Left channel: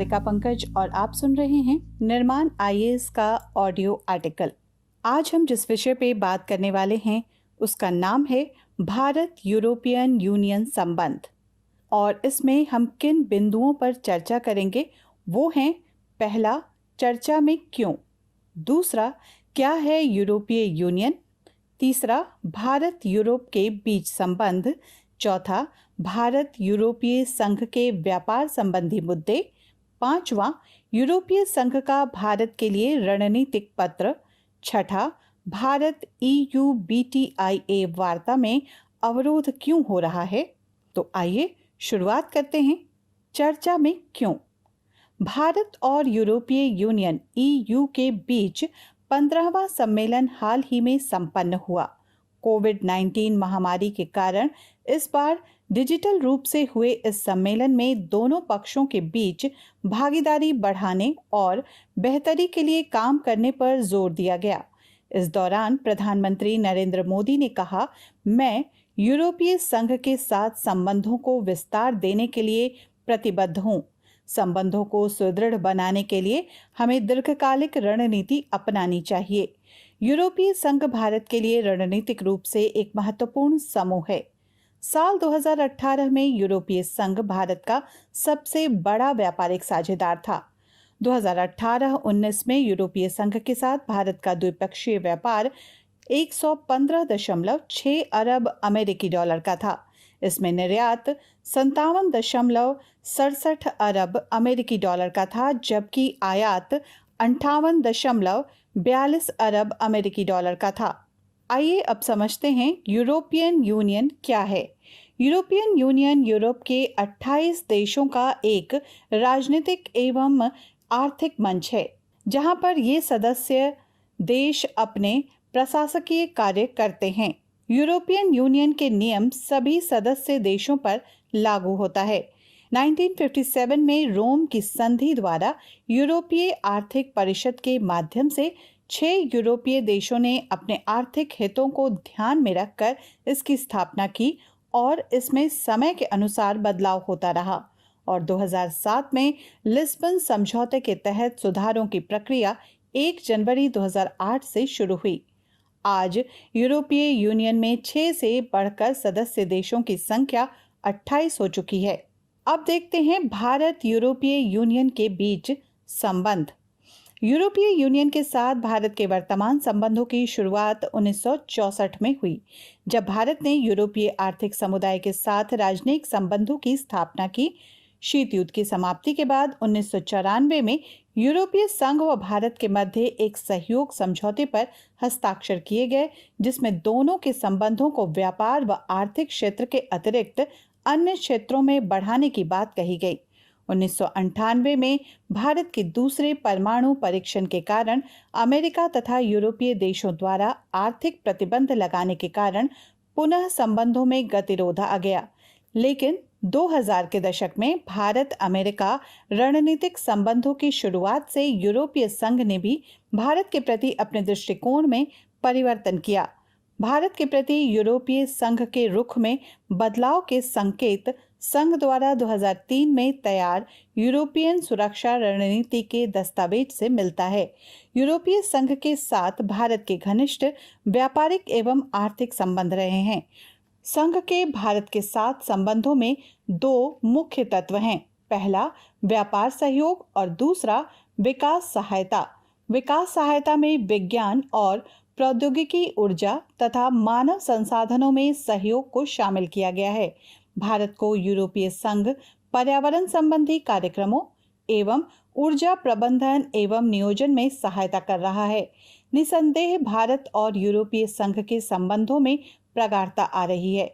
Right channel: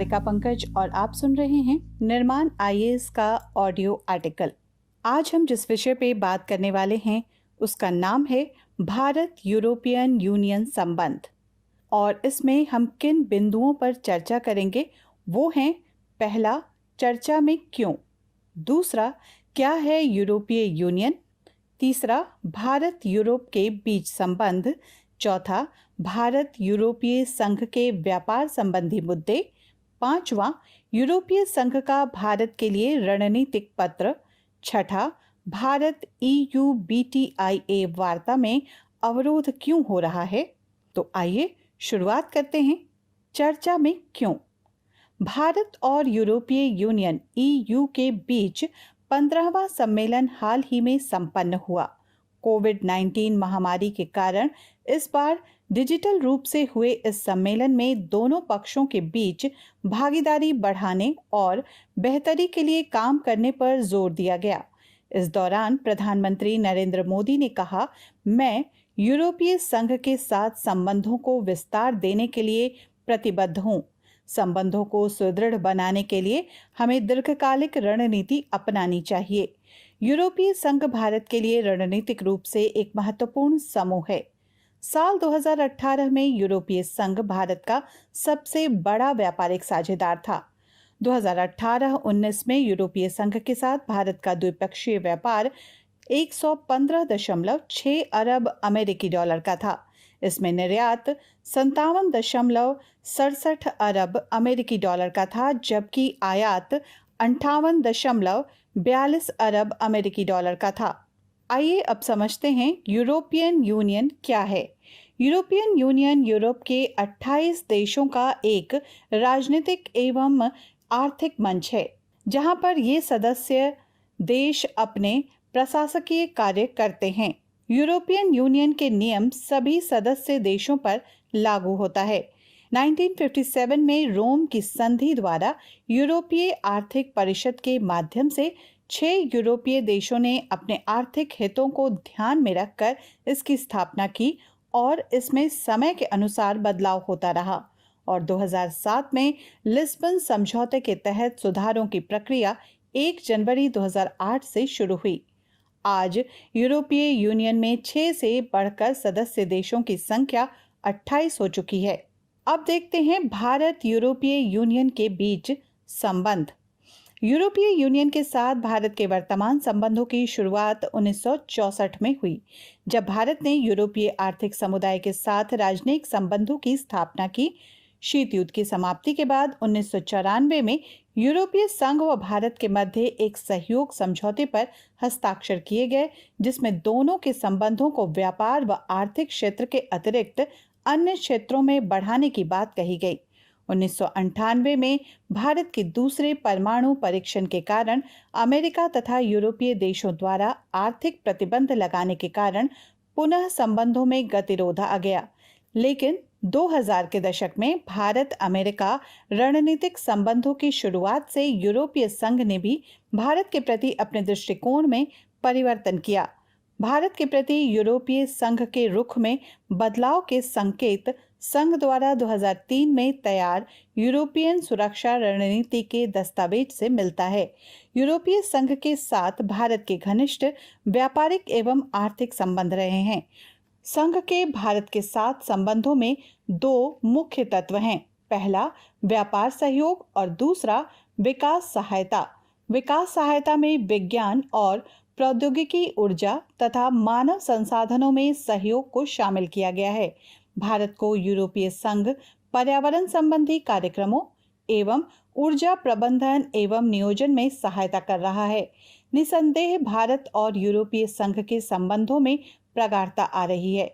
सारिका पंकज और आप सुन रहे हैं निर्माण आईएएस का ऑडियो आर्टिकल। आज हम जिस विषय पे बात करने वाले हैं उसका नाम है भारत यूरोपियन यूनियन संबंध। और इसमें हम किन बिंदुओं पर चर्चा करेंगे वो हैं, पहला, चर्चा में क्यों, दूसरा, क्या है यूरोपीय यूनियन, तीसरा, भारत यूरोप के बीच संबंध, चौथा, भारत यूरोपीय संघ के व्यापार संबंधी मुद्दे, पांचवा, यूरोपीय संघ का भारत के लिए रणनीतिक पत्र, छठा, भारत EU BTIA वार्ता में अवरोध क्यों हो रहा है। तो आइए शुरुआत करते हैं। चर्चा में क्यों। भारत और यूरोपीय यूनियन EU के बीच 15वां सम्मेलन हाल ही में संपन्न हुआ। कोविड-19 महामारी के कारण इस बार डिजिटल रूप से हुए इस सम्मेलन में दोनों पक्षों के बीच भागीदारी बढ़ाने और बेहतरी के लिए काम करने पर जोर दिया गया। इस दौरान प्रधानमंत्री नरेंद्र मोदी ने कहा, मैं यूरोपीय संघ के साथ संबंधों को विस्तार देने के लिए प्रतिबद्ध हूं। संबंधों को सुदृढ़ बनाने के लिए हमें दीर्घकालिक रणनीति अपनानी चाहिए। यूरोपीय संघ भारत के लिए रणनीतिक रूप से एक महत्वपूर्ण समूह है। साल 2018 में यूरोपीय संघ भारत का सबसे बड़ा व्यापारिक साझेदार था। 2018-19 में यूरोपीय संघ के साथ भारत का द्विपक्षीय व्यापार 115.6 अरब अमेरिकी डॉलर का था। इसमें निर्यात 57.67 अरब अमेरिकी डॉलर का था, जबकि आयात 58.42 अरब अमेरिकी डॉलर का था। आइए अब समझते हैं यूरोपियन यूनियन क्या है। यूरोपियन यूनियन यूरोप के 28 देशों का एक राजनीतिक एवं आर्थिक मंच है, जहां पर ये सदस्य देश अपने प्रशासकीय कार्य करते हैं। यूरोपियन यूनियन के नियम सभी सदस्य देशों पर लागू होता है। 1957 में रोम की संधि द्वारा यूरोपीय आर्थिक परिषद के माध्यम से 6 यूरोपीय देशों ने अपने आर्थिक हितों को ध्यान में रखकर इसकी स्थापना की और इसमें समय के अनुसार बदलाव होता रहा और 2007 में लिस्बन समझौते के तहत सुधारों की प्रक्रिया 1 जनवरी 2008 से शुरू हुई। आज यूरोपीय यूनियन में 6 से बढ़कर सदस्य देशों की संख्या 28 हो चुकी है। अब देखते हैं भारत यूरोपीय यूनियन के बीच संबंध। यूरोपीय यूनियन के साथ भारत के वर्तमान संबंधों की शुरुआत 1964 में हुई, जब भारत ने यूरोपीय आर्थिक समुदाय के साथ राजनयिक संबंधों की स्थापना की। शीत युद्ध की समाप्ति के बाद 1994 में यूरोपीय संघ व भारत के मध्य एक सहयोग समझौते पर हस्ताक्षर किए गए, जिसमें दोनों के संबंधों को व्यापार व आर्थिक क्षेत्र के अतिरिक्त अन्य क्षेत्रों में बढ़ाने की बात कही गई। 1998 में भारत के दूसरे परमाणु परीक्षण के कारण अमेरिका तथा यूरोपीय देशों द्वारा आर्थिक प्रतिबंध लगाने के कारण पुनः संबंधों में गतिरोध आ गया। लेकिन 2000 के दशक में भारत अमेरिका रणनीतिक संबंधों की शुरुआत से यूरोपीय संघ ने भी भारत के प्रति अपने दृष्टिकोण में परिवर्तन किया। भारत के प्रति यूरोपीय संघ के रुख में बदलाव के संकेत संघ द्वारा 2003 में तैयार यूरोपियन सुरक्षा रणनीति के दस्तावेज से मिलता है। यूरोपीय संघ के साथ भारत के घनिष्ठ व्यापारिक एवं आर्थिक संबंध रहे हैं। संघ के भारत के साथ संबंधों में 2 मुख्य तत्व हैं। पहला व्यापार सहयोग और दूसरा विकास सहायता। विकास सहायता में विज्ञान और प्रौद्योगिकी, ऊर्जा तथा मानव संसाधनों में सहयोग को शामिल किया गया है। भारत को यूरोपीय संघ पर्यावरण संबंधी कार्यक्रमों एवं ऊर्जा प्रबंधन एवं नियोजन में सहायता कर रहा है। निसंदेह भारत और यूरोपीय संघ के संबंधों में प्रगाढ़ता आ रही है।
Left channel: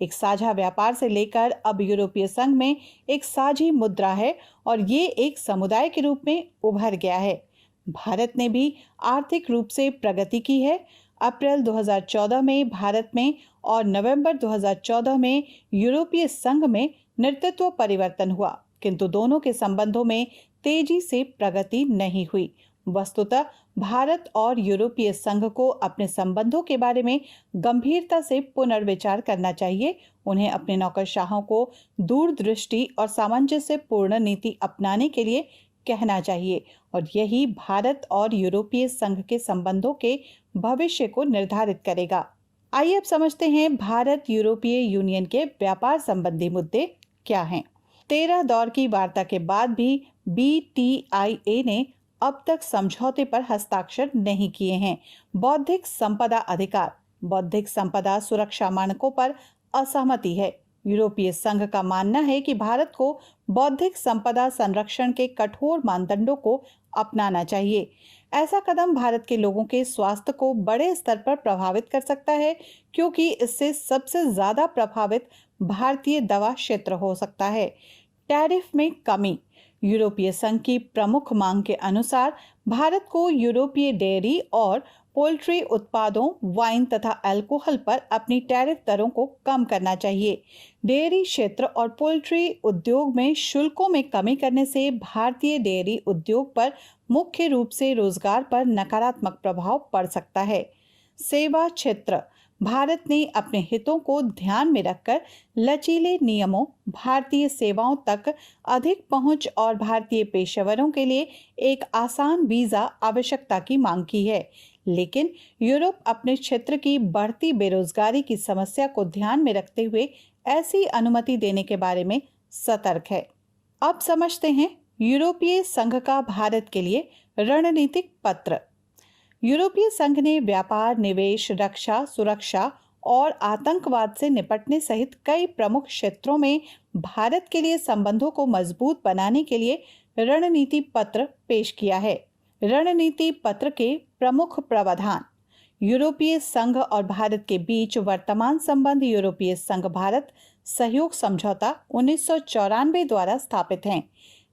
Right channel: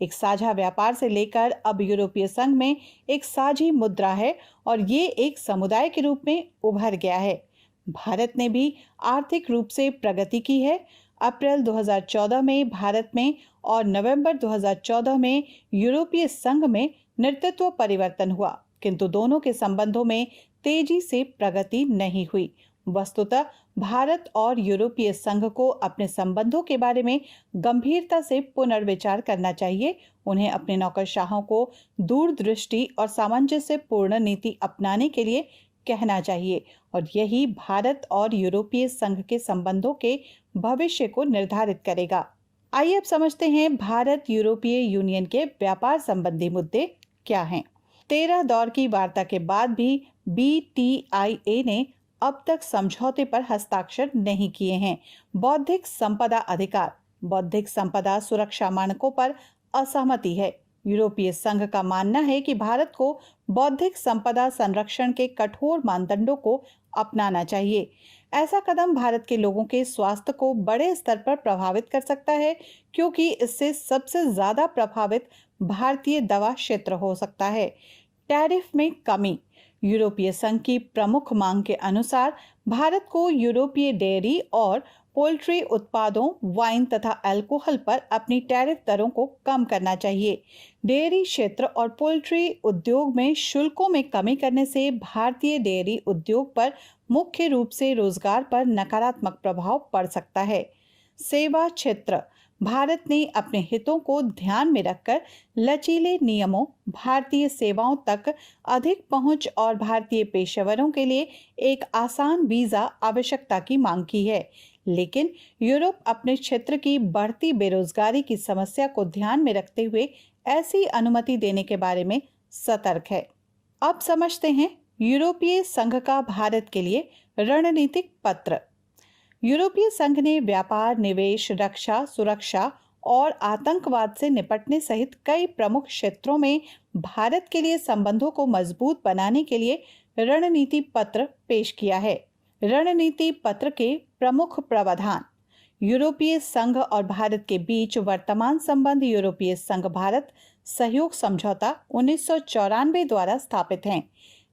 एक साझा व्यापार से लेकर अब यूरोपीय संघ में एक साझी मुद्रा है और ये एक समुदाय के रूप में उभर गया है। भारत ने भी आर्थिक रूप से प्रगति की है। अप्रैल 2014 में भारत में और नवंबर 2014 में यूरोपीय संघ में नेतृत्व परिवर्तन हुआ, किंतु दोनों के संबंधों में तेजी से प्रगति नहीं हुई। वस्तुतः भारत और यूरोपीय संघ को अपने संबंधों के बारे में गंभीरता से पुनर्विचार करना चाहिए। उन्हें अपने नौकरशाहों को दूरदृष्टि और सामंजस्यपूर्ण नीति अपनाने के लिए कहना चाहिए और यही भारत और यूरोपीय संघ के संबंधों के भविष्य को निर्धारित करेगा। आइए अब समझते हैं भारत यूरोपीय यूनियन के व्यापार संबंधी मुद्दे क्या हैं। 13 दौर की वार्ता के बाद भी BTIA ने अब तक समझौते पर हस्ताक्षर नहीं किए हैं। बौद्धिक संपदा अधिकार, बौद्धिक संपदा सुरक्षा मानकों पर असहमति है। यूरोपीय संघ का मानना है कि भारत को बौद्धिक संपदा संरक्षण के कठोर मानदंडों को अपनाना चाहिए। ऐसा कदम भारत के लोगों के स्वास्थ्य को बड़े स्तर पर प्रभावित कर सकता है, क्योंकि इससे सबसे ज्यादा प्रभावित भारतीय दवा क्षेत्र हो सकता है। टैरिफ में कमी, यूरोपीय संघ की प्रमुख मांग के अनुसार भारत को यूरोपीय डेयरी और पोल्ट्री उत्पादों, वाइन तथा अल्कोहल पर अपनी टैरिफ दरों को कम करना चाहिए। डेयरी क्षेत्र और पोल्ट्री उद्योग में शुल्कों में कमी करने से भारतीय डेयरी उद्योग पर मुख्य रूप से रोजगार पर नकारात्मक प्रभाव पड़ सकता है। सेवा क्षेत्र, भारत ने अपने हितों को ध्यान में रखकर लचीले नियमों, भारतीय सेवाओं तक अधिक पहुंच और भारतीय पेशेवरों के लिए एक आसान वीजा आवश्यकता की मांग की है। लेकिन यूरोप अपने क्षेत्र की बढ़ती बेरोजगारी की समस्या को ध्यान में रखते हुए ऐसी अनुमति देने के बारे में सतर्क है। अब समझते हैं यूरोपीय संघ का भारत के लिए रणनीतिक पत्र। यूरोपीय संघ ने व्यापार, निवेश, रक्षा, सुरक्षा और आतंकवाद से निपटने सहित कई प्रमुख क्षेत्रों में भारत के लिए संबंधों को मजबूत बनाने के लिए रणनीति पत्र पेश किया है। रणनीति पत्र के प्रमुख प्रावधान, यूरोपीय संघ और भारत के बीच वर्तमान संबंध यूरोपीय संघ भारत सहयोग समझौता 1994 द्वारा स्थापित हैं।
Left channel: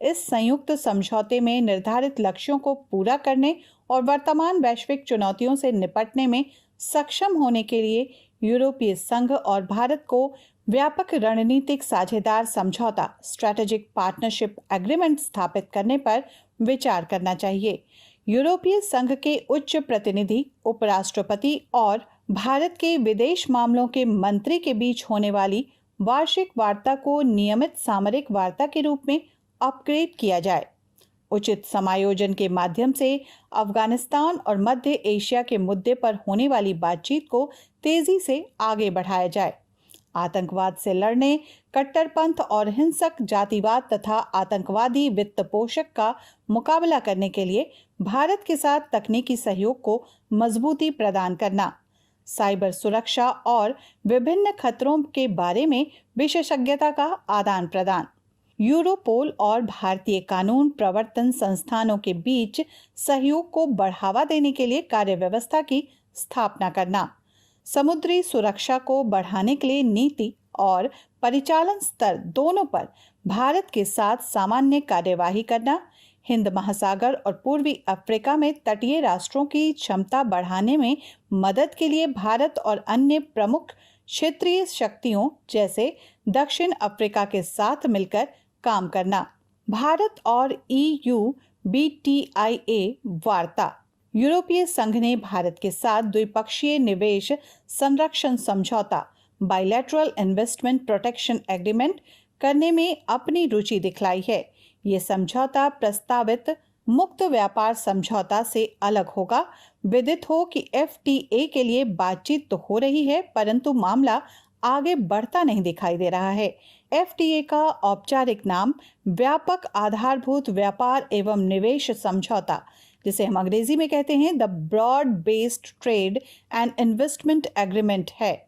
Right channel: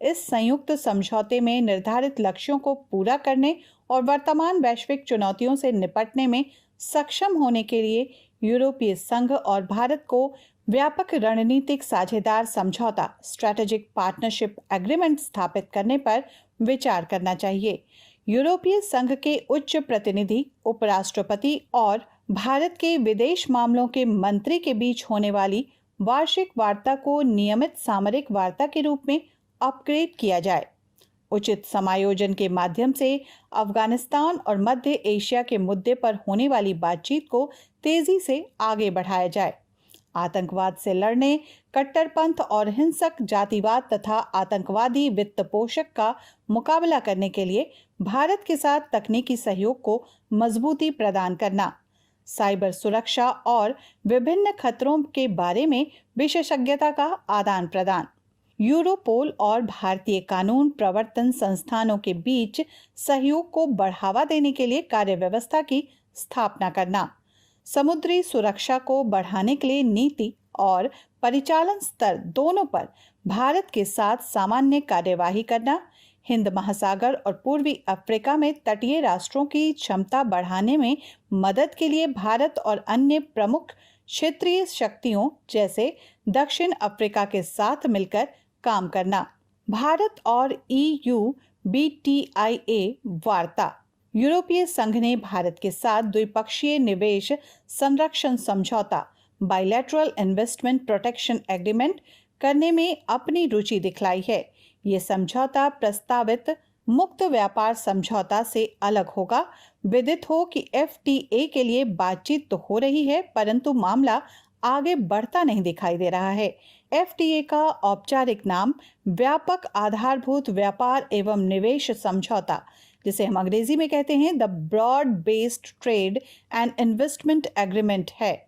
इस संयुक्त समझौते में निर्धारित लक्ष्यों को पूरा करने और वर्तमान वैश्विक चुनौतियों से निपटने में सक्षम होने के लिए यूरोपीय संघ और भारत को व्यापक रणनीतिक साझेदार समझौता स्ट्रेटेजिक पार्टनरशिप एग्रीमेंट स्थापित करने पर विचार करना चाहिए। यूरोपीय संघ के उच्च प्रतिनिधि, उपराष्ट्रपति और भारत के विदेश मामलों के मंत्री के बीच होने वाली वार्षिक वार्ता को नियमित सामरिक वार्ता के रूप में अपग्रेड किया जाए। उचित समायोजन के माध्यम से अफगानिस्तान और मध्य एशिया के मुद्दे पर होने वाली बातचीत को तेजी से आगे बढ़ाया जाए। आतंकवाद से लड़ने, कट्टरपंथ और हिंसक जातिवाद तथा आतंकवादी वित्त पोषक का मुकाबला करने के लिए भारत के साथ तकनीकी सहयोग को मजबूती प्रदान करना, साइबर सुरक्षा और विभिन्न खतरों के बारे में विशेषज्ञता का आदान प्रदान, यूरोपोल और भारतीय कानून प्रवर्तन संस्थानों के बीच सहयोग को बढ़ावा देने के लिए कार्य व्यवस्था की स्थापना करना, समुद्री सुरक्षा को बढ़ाने के लिए नीति और परिचालन स्तर दोनों पर भारत के साथ सामान्य कार्यवाही करना, हिंद महासागर और पूर्वी अफ्रीका में तटीय राष्ट्रों की क्षमता बढ़ाने में मदद के लिए भारत और अन्य प्रमुख क्षेत्रीय शक्तियों जैसे दक्षिण अफ्रीका के साथ मिलकर काम करना। भारत और EU BTIA वार्ता, यूरोपीय संघ ने भारत के साथ द्विपक्षीय निवेश संरक्षण समझौता बाइलैटरल इन्वेस्टमेंट प्रोटेक्शन एग्रीमेंट करने में अपनी रुचि दिखलाई है। ये समझौता प्रस्तावित मुक्त व्यापार समझौता से अलग होगा। विदित हो कि FTA के लिए बातचीत तो हो रही है, परंतु मामला आगे बढ़ता नहीं दिखाई दे रहा है। FTA का औपचारिक नाम व्यापक आधारभूत व्यापार एवं निवेश समझौता, जिसे हम अंग्रेजी में कहते हैं the broad based trade and investment agreement है।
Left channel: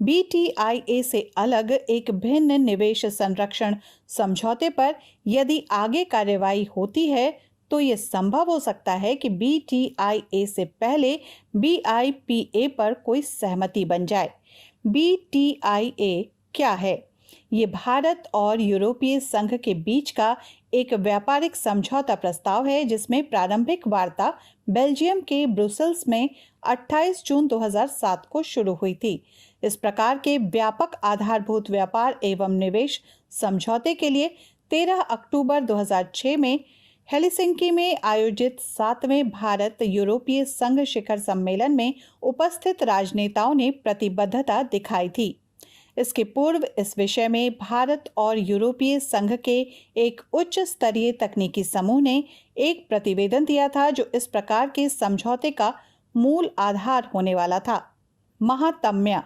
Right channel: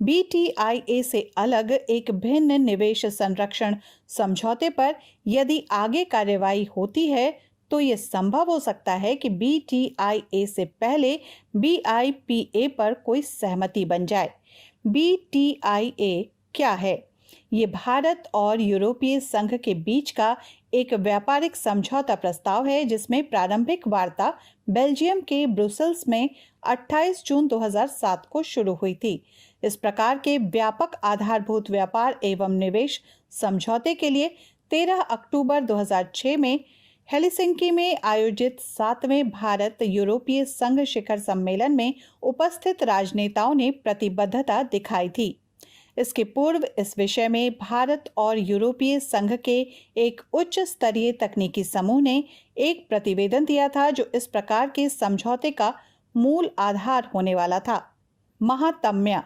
BTIA से अलग एक भिन्न निवेश संरक्षण समझौते पर यदि आगे कार्यवाही होती है तो ये संभव हो सकता है कि BTIA से पहले BIPA पर कोई सहमति बन जाए। BTIA क्या है? ये भारत और यूरोपीय संघ के बीच का एक व्यापारिक समझौता प्रस्ताव है, जिसमें प्रारंभिक वार्ता बेल्जियम के ब्रुसेल्स में 28 जून 2007 को शुरू हुई थी। इस प्रकार के व्यापक आधारभूत व्यापार एवं निवेश समझौते के लिए 13 अक्टूबर 2006 में हेलसिंकी में आयोजित 7वें भारत यूरोपीय संघ शिखर सम्मेलन में उपस्थित राजनेताओं ने प्रतिबद्धता दिखाई थी। इसके पूर्व इस विषय में भारत और यूरोपीय संघ के एक उच्च स्तरीय तकनीकी समूह ने एक प्रतिवेदन दिया था, जो इस प्रकार के समझौते का मूल आधार होने वाला था। महात्म्य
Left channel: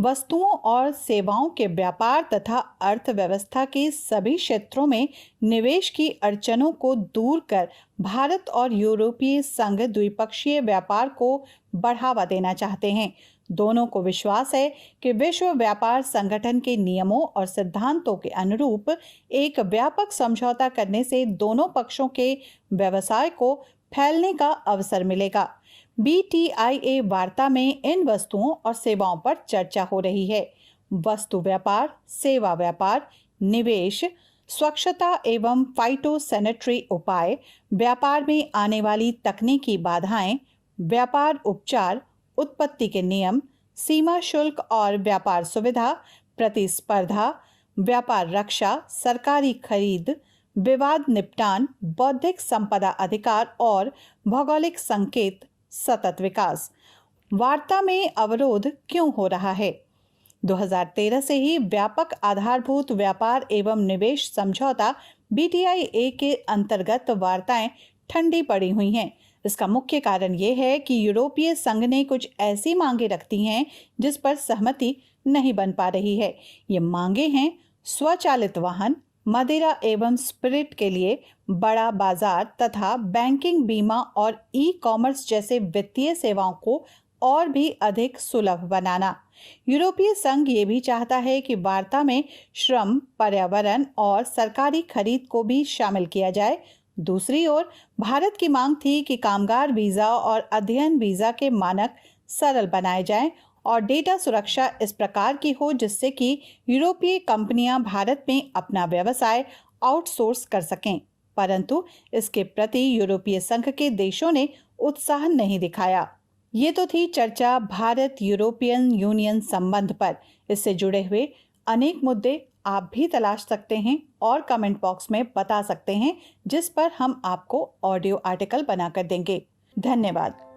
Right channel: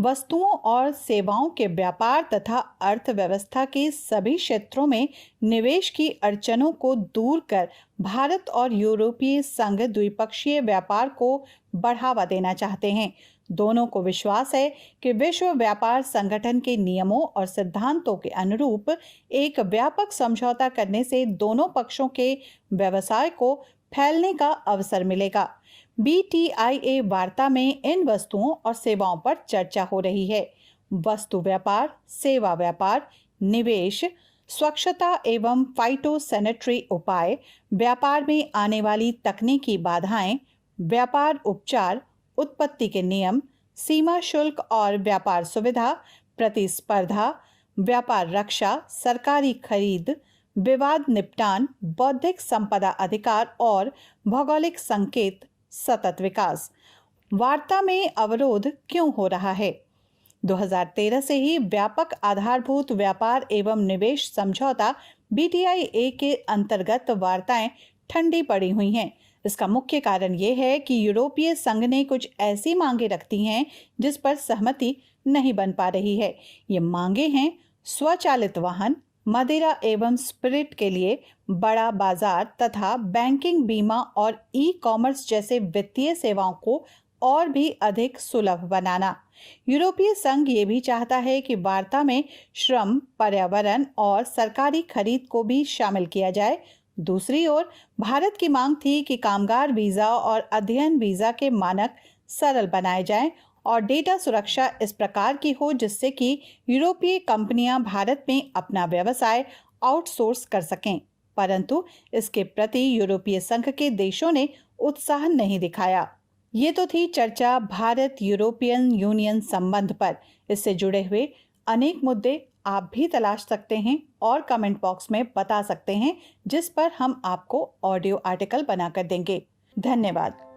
वस्तुओं और सेवाओं के व्यापार तथा अर्थव्यवस्था के सभी क्षेत्रों में निवेश की अड़चनों को दूर कर भारत और यूरोपीय संघ द्विपक्षीय व्यापार को बढ़ावा देना चाहते हैं। दोनों को विश्वास है कि विश्व व्यापार संगठन के नियमों और सिद्धांतों के अनुरूप एक व्यापक समझौता करने से दोनों पक्षों के व्यवसाय को फैलने का अवसर मिलेगा। BTIA वार्ता में इन वस्तुओं और सेवाओं पर चर्चा हो रही है। वस्तु व्यापार, सेवा व्यापार, निवेश, स्वच्छता एवं फाइटोसैनिटरी उपाय, व्यापार में आने वाली तकनीकी बाधाएं, व्यापार उपचार, उत्पत्ति के नियम, सीमा शुल्क और व्यापार सुविधा, प्रतिस्पर्धा, व्यापार रक्षा, सरकारी खरीद, विवाद निपटान, बौद्धिक संपदा अधिकार और भौगोलिक संकेत, सतत विकास। वार्ता में अवरोध क्यों हो रहा है? 2013 से ही व्यापक आधारभूत व्यापार एवं निवेश समझौता BTIA के अंतर्गत वार्ताएं ठंडी पड़ी हुई हैं। इसका मुख्य कारण ये है कि यूरोपीय संघ ने कुछ ऐसी मांगे रखती हैं जिस पर सहमति नहीं बन पा रही है। ये मांगे हैं स्वचालित वाहन, मदिरा एवं स्पिरिट के लिए बड़ा बाजार तथा बैंकिंग, बीमा और ई-कॉमर्स जैसे वित्तीय सेवाओं को और भी अधिक सुलभ बनाना। यूरोपीय संघ ये भी चाहता है कि वार्ता में श्रम, पर्यावरण और सरकारी खरीद को भी शामिल किया जाए। दूसरी ओर भारत की मांग थी कि कामगार वीजा और अध्ययन वीजा के मानक सरल बनाए जाएं और डेटा सुरक्षा इस प्रकार की हो जिससे कि यूरोपीय कंपनियां भारत में अपना व्यवसाय आउटसोर्स कर सकें। परंतु इसके प्रति यूरोपीय संघ के देशों ने उत्साह नहीं दिखाया। ये तो थी चर्चा भारत यूरोपियन यूनियन संबंध पर। इससे जुड़े हुए अनेक मुद्दे आप भी तलाश सकते हैं और कमेंट बॉक्स में बता सकते हैं, जिस पर हम आपको ऑडियो आर्टिकल बनाकर देंगे। धन्यवाद।